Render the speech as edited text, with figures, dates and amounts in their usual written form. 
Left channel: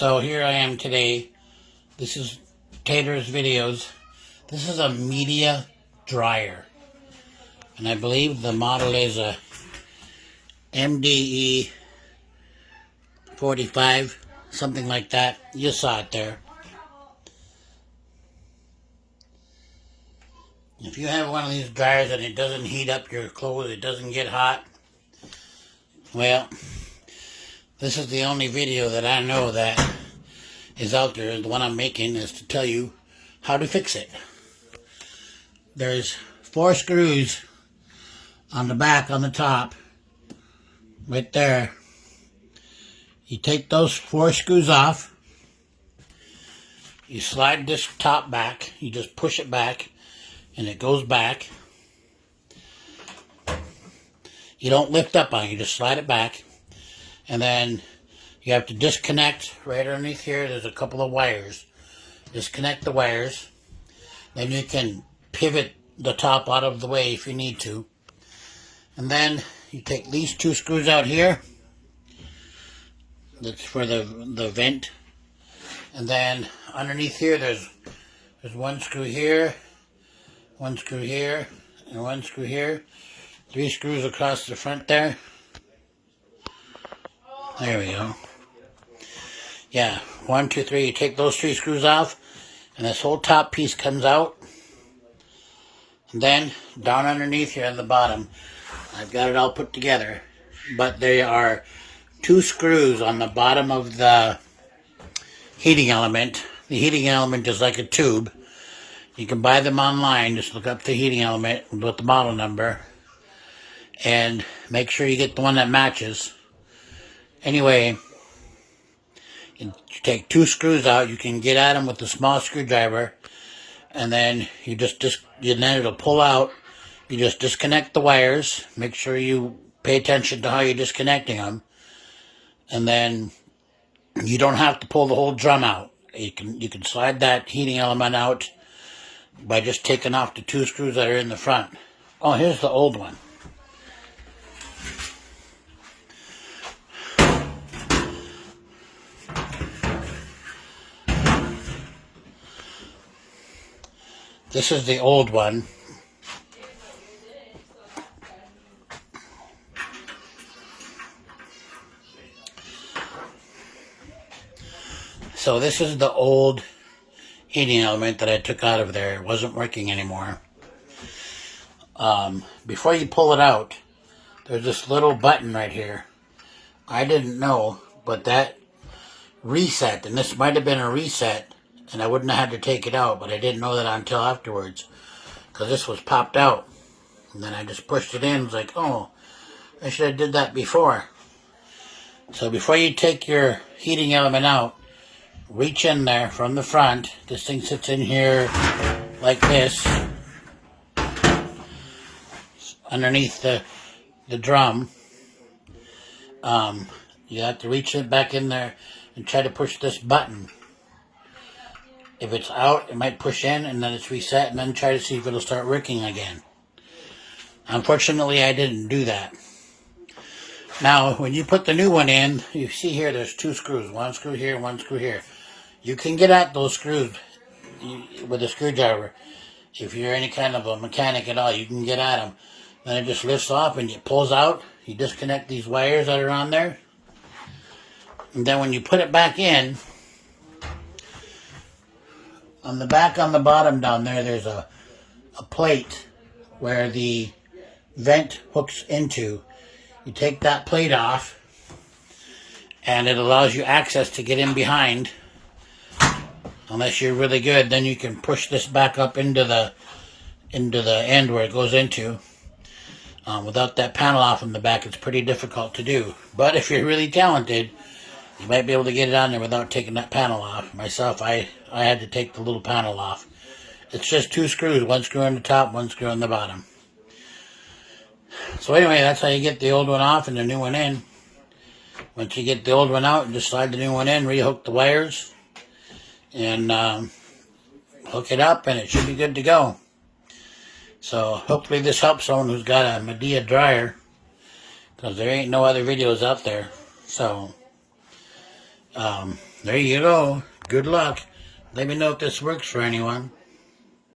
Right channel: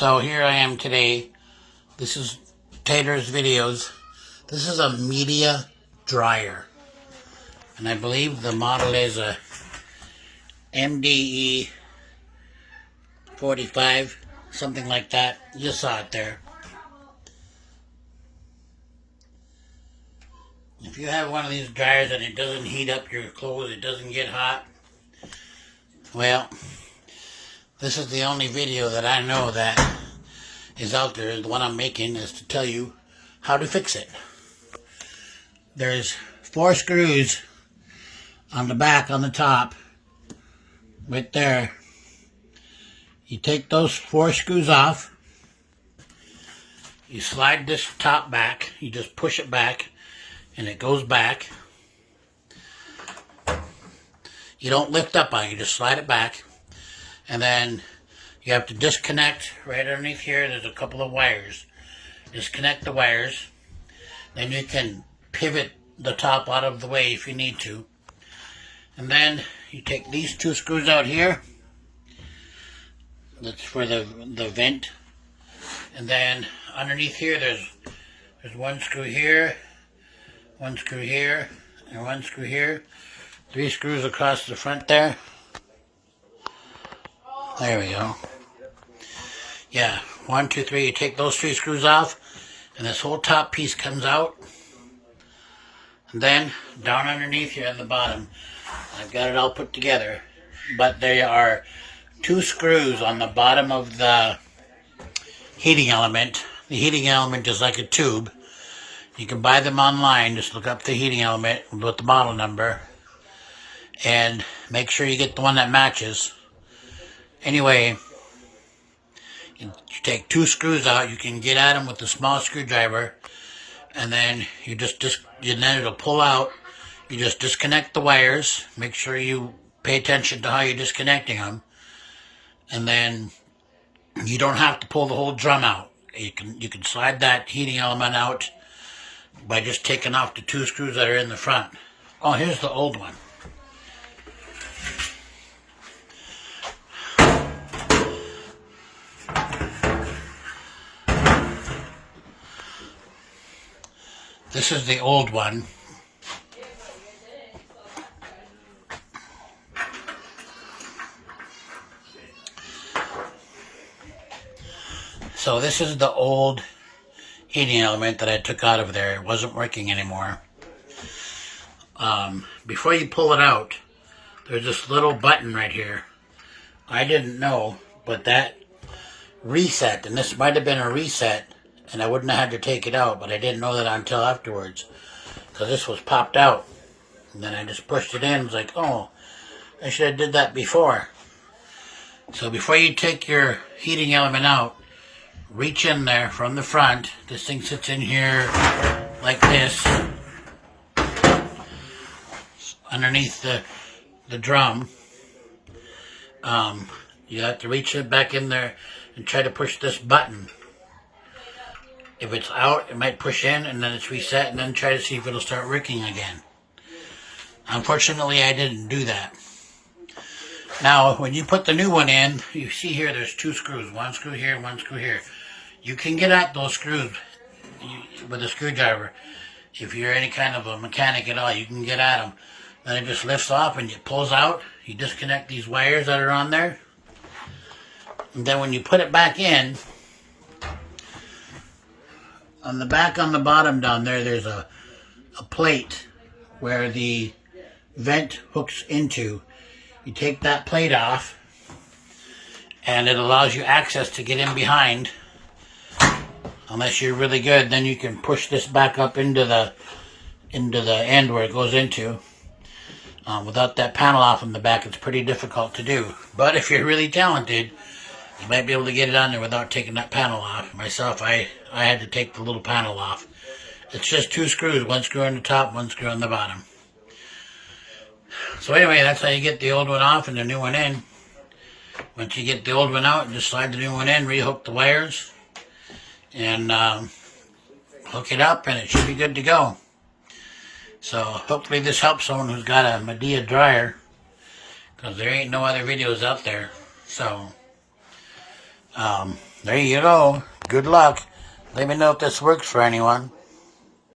So here I am today. This is TATER'S videos. This is a Midea Dryer. And I believe the model is a MDE 45, something like that. You saw it there. If you have one of these dryers and it doesn't heat up your clothes, it doesn't get hot, well, this is the only video that I know that is out there. The one I'm making is to tell you how to fix it. There's 4 screws on the back, on the top, right there. You take those 4 screws off. You slide this top back. You just push it back and it goes back. You don't lift up on it, you just slide it back. And then you have to disconnect right underneath here. There's a couple of wires. Disconnect the wires. Then you can pivot the top out of the way if you need to. And then you take these 2 screws out here. That's for the vent. And then underneath here there's 1 screw here, 1 screw here, and 1 screw here. 3 screws across the front there. There we go. Yeah, 1, 2, 3. You take those 3 screws off, and this whole top piece comes out. And then down underneath here on the bottom, I've got it all put together. But there are 2 screws on the bottom of the heating element. The heating element is like a tube. You can buy them online. Just look up the heating element with the model number. And make sure you get the one that matches. Anyway, you take 2 screws out. You can get at them with a small screwdriver. And then then it'll pull out. You just disconnect the wires. Make sure you pay attention to how you're disconnecting them. And then you don't have to pull the whole drum out. You can slide that heating element out by just taking off the 2 screws that are in the front. Oh, here's the old one. This is the old one. So this is the old heating element that I took out of there. It wasn't working anymore. Before you pull it out, there's this little button right here. I didn't know, but that reset, and this might have been a reset, and I wouldn't have had to take it out, but I didn't know that until afterwards, because this was popped out. And then I just pushed it in. It's like, oh, I should have did that before. So before you take your heating element out, reach in there from the front. This thing sits in here like this, underneath the drum. You have to reach it back in there and try to push this button. If it's out, it might push in, and then it's reset, and then try to see if it'll start working again. Unfortunately, I didn't do that. Now, when you put the new one in, you see here there's 2 screws. 1 screw here, 1 screw here. You can get at those screws with a screwdriver. If you're any kind of a mechanic at all, you can get at them. Then it just lifts off and it pulls out. You disconnect these wires that are on there. And then when you put it back in, on the back, on the bottom down there, there's a plate where the vent hooks into. You take that plate off, and it allows you access to get in behind. Unless you're really good, then you can push this back up into the end where it goes into. Without that panel off in the back, it's pretty difficult to do. But if you're really talented, you might be able to get it on there without taking that panel off. Myself, I had to take the little panel off. It's just 2 screws, 1 screw on the top, 1 screw on the bottom. So anyway, that's how you get the old one off and the new one in. Once you get the old one out, you just slide the new one in, rehook the wires, and hook it up, and it should be good to go. So hopefully this helps someone who's got a Midea Dryer, because there ain't no other videos out there. So There you go. Good luck. Let me know if this works for anyone.